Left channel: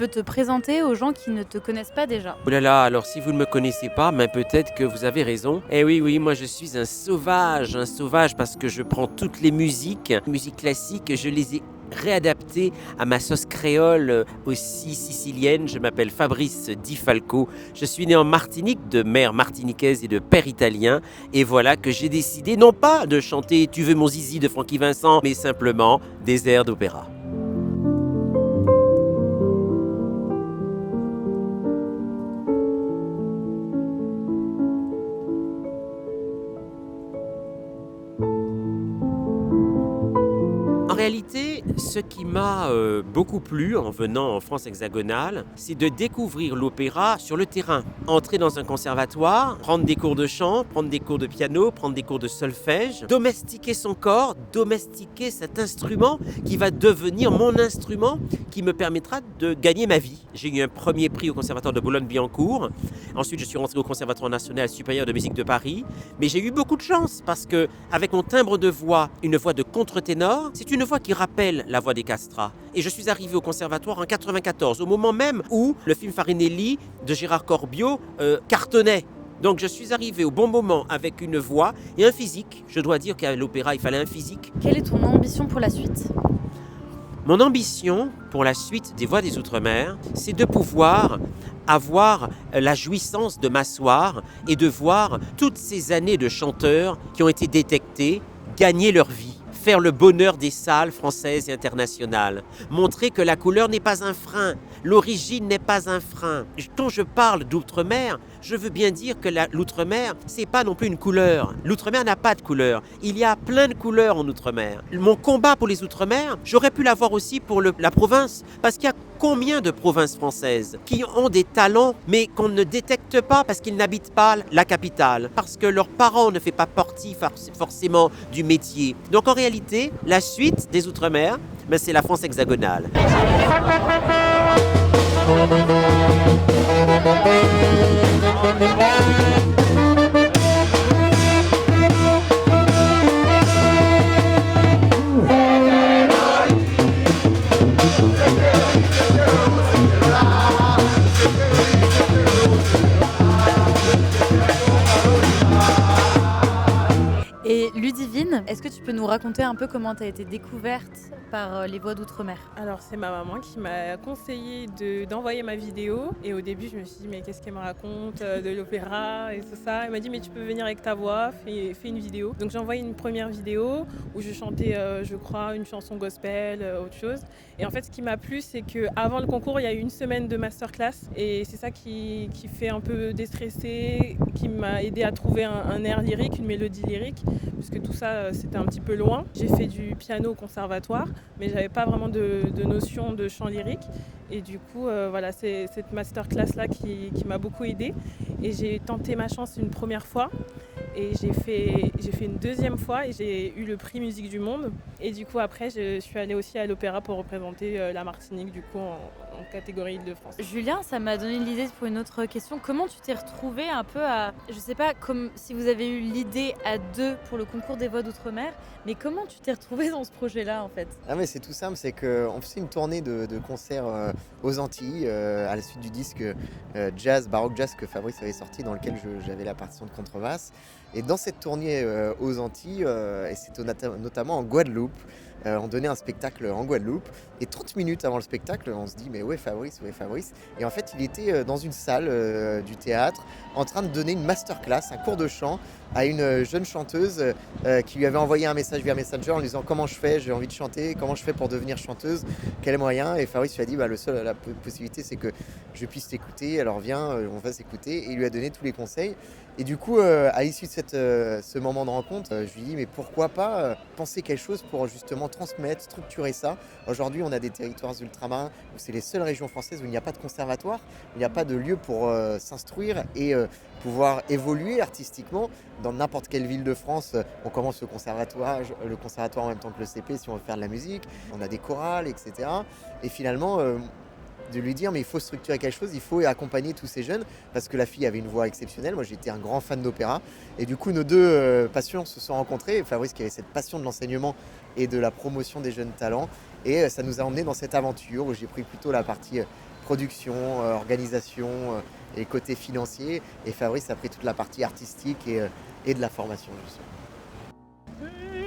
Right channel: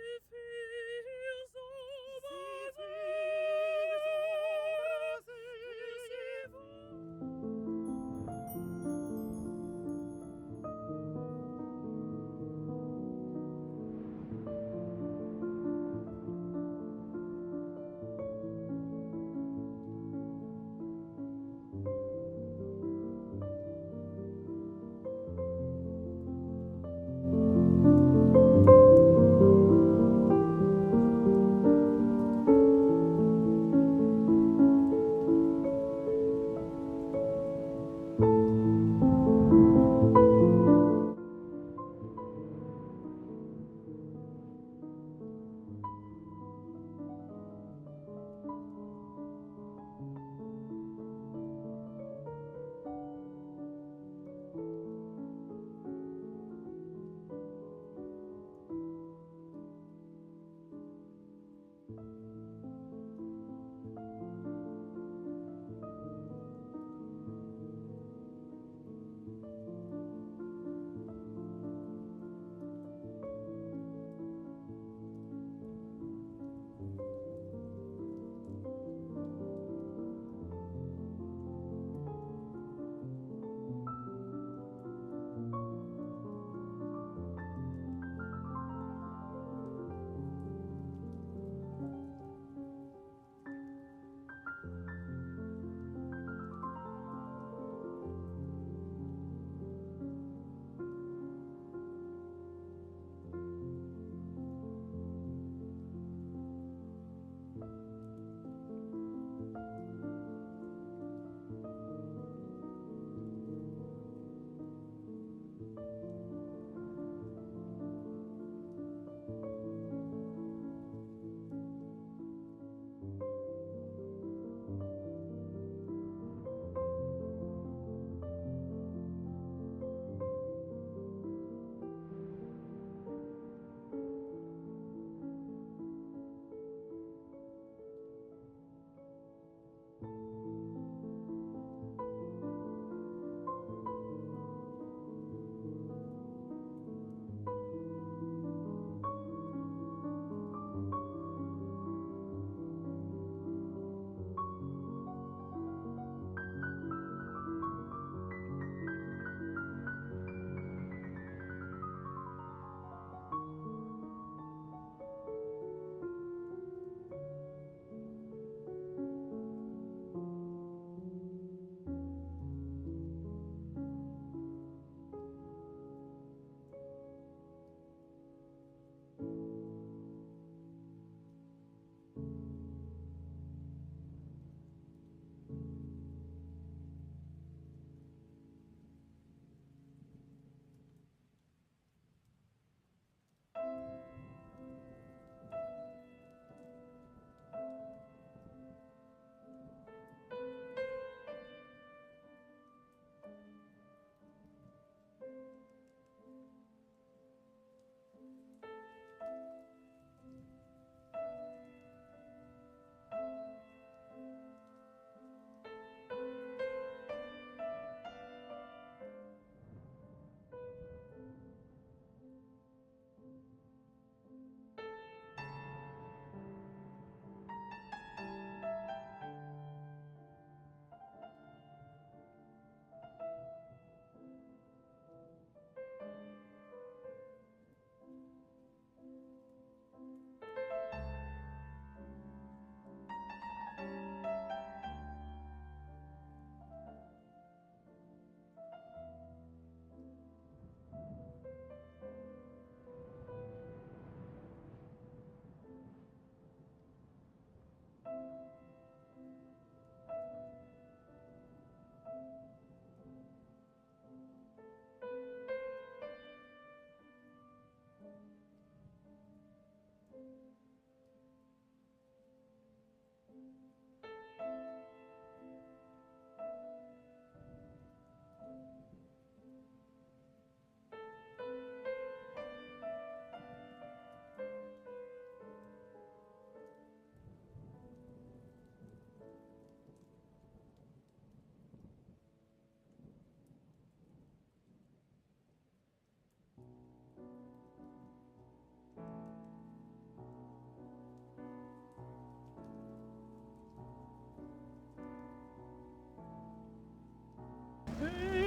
peux te présenter aux gens qui ne te connaissent pas déjà? Oh là là, alors si vous ne me connaissez pas, mais peut-être que vous avez raison. Eh oui, oui, moi je suis un sauvage parce que je prends toutes les musiques classiques, je les ai réadaptées à ma sauce créole aussi sicilienne. Je m'appelle Fabrice Di Falco. Je suis né en Martinique, de mère martiniquaise et de père italien. Et voilà que j'ai décidé non pas de chanter Tu veux mon zizi de Francky Vincent, mais simplement des airs d'opéra. En réalité, ce qui m'a beaucoup plu en venant en France hexagonale, c'est de découvrir l'opéra sur le terrain. Entrer dans un conservatoire, prendre des cours de chant, prendre des cours de piano, prendre des cours de solfège, domestiquer son corps, domestiquer cet instrument qui va devenir mon instrument qui me permettra de gagner ma vie. J'ai eu un premier prix au conservatoire de Boulogne-Billancourt. Ensuite, je suis rentré au Conservatoire national supérieur de musique de Paris. Mais j'ai eu beaucoup de chance parce que, avec mon timbre de voix, une voix de contre-ténor, c'est une voix qui rappelle la voix des castrats. Et je suis arrivé au conservatoire en 94, au moment même où le film Farinelli de Gérard Corbiot cartonnait. Donc je suis arrivé au bon moment avec une voix et un physique. Je dois dire qu'à l'opéra, il fallait un physique. Quelle est ton ambition pour la suite? Mon ambition pour la suite des Voix des Outre-mer, c'est de pouvoir avoir la jouissance de m'asseoir et de voir toutes ces années de chanteurs qui ont été détectés gagner leur vie, faire le bonheur des salles françaises et internationales, montrer que la couleur n'est pas un frein, l'origine n'est pas un frein. Quand je parle d'outre-mer, je veux bien dire que l'outre-mer, c'est pas non plus une couleur. L'outre-mer n'a pas de couleur. Il y a plein de couleurs en outre-mer. Mon combat pour les outre-mer, j'aurais pu l'avoir aussi pour la province, parce qu'il y a combien de provinces françaises qui ont des talents, mais qu'on ne détecte pas parce qu'ils n'habitent pas la capitale, parce que leurs parents ne font pas partie forcément du métier. Donc en réalité, la suite des outre-mer, ben, c'est la France hexagonale. Et Ludivine, est-ce que tu peux nous raconter un peu comment tu as été découverte par les voix d'outre-mer? Alors c'est ma maman qui m'a conseillé d'envoyer ma vidéo et au début je me suis dit mais qu'est-ce qu'elle me raconte de l'opéra et tout ça. Elle m'a dit mais tu peux venir avec ta voix, fais une vidéo. Donc j'ai envoyé une première vidéo où je chantais je crois une chanson gospel, autre chose. Et en fait ce qui m'a plu c'est qu'avant le concours il y a eu une semaine de masterclass et c'est ça qui fait un peu déstresser, qui m'a aidé à trouver un air lyrique, une mélodie lyrique puisque tout ça c'était un petit peu loin. J'ai fait du piano au conservatoire mais j'avais pas vraiment de notion de chant lyrique et du coup voilà c'est cette masterclass là qui m'a beaucoup aidée et j'ai tenté ma chance une première fois et j'ai fait une deuxième fois et j'ai eu le prix musique du monde et du coup après je suis allée aussi à l'opéra pour représenter la Martinique du coup en catégorie Île-de-France. Julien, ça m'a donné l'idée pour une autre question. Comment tu t'es retrouvé un peu à, je sais pas comme si vous avez eu l'idée à deux pour le concours des voix d'outre-mer, mais comment tu t'es retrouvé dans ce projet-là en fait? Ah mais c'est tout simple, c'est qu'on faisait une tournée de concerts aux Antilles à la suite du disque jazz, baroque jazz que Fabrice avait sorti dans lequel j'avais la partition de contrebasse. Et dans cette tournée aux Antilles, et c'était notamment en Guadeloupe, on donnait un spectacle en Guadeloupe et 30 minutes avant le spectacle, on se dit mais où est Fabrice, où est Fabrice? Et en fait il était dans une salle du théâtre en train de donner une masterclass, un cours de chant à une jeune chanteuse qui lui avait envoyé un message via Messenger en lui disant comment je fais, j'ai envie de chanter, comment je fais pour devenir chanteuse, quel moyen? Et Fabrice lui a dit bah, la possibilité c'est que je puisse t'écouter, alors viens, on va s'écouter, et il lui a donné tous les conseils. Et du coup, à l'issue de ce moment de rencontre, je lui ai dit mais pourquoi pas penser quelque chose pour justement transmettre, structurer ça. Aujourd'hui, on a des territoires ultramarins où c'est les seules régions françaises où il n'y a pas de conservatoire, où il n'y a pas de lieu pour s'instruire et pouvoir évoluer artistiquement. Dans n'importe quelle ville de France, on commence le conservatoire en même temps que le CP si on veut faire de la musique. On a des chorales, etc. Et finalement, de lui dire mais il faut structurer quelque chose, il faut accompagner tous ces jeunes parce que la fille avait une voix exceptionnelle. Moi j'étais un grand fan d'opéra et du coup nos deux passions se sont rencontrées. Fabrice qui avait cette passion de l'enseignement et de la promotion des jeunes talents et ça nous a emmenés dans cette aventure où j'ai pris plutôt la partie production, organisation et côté financier. Et Fabrice a pris toute la partie artistique et de la formation, justement.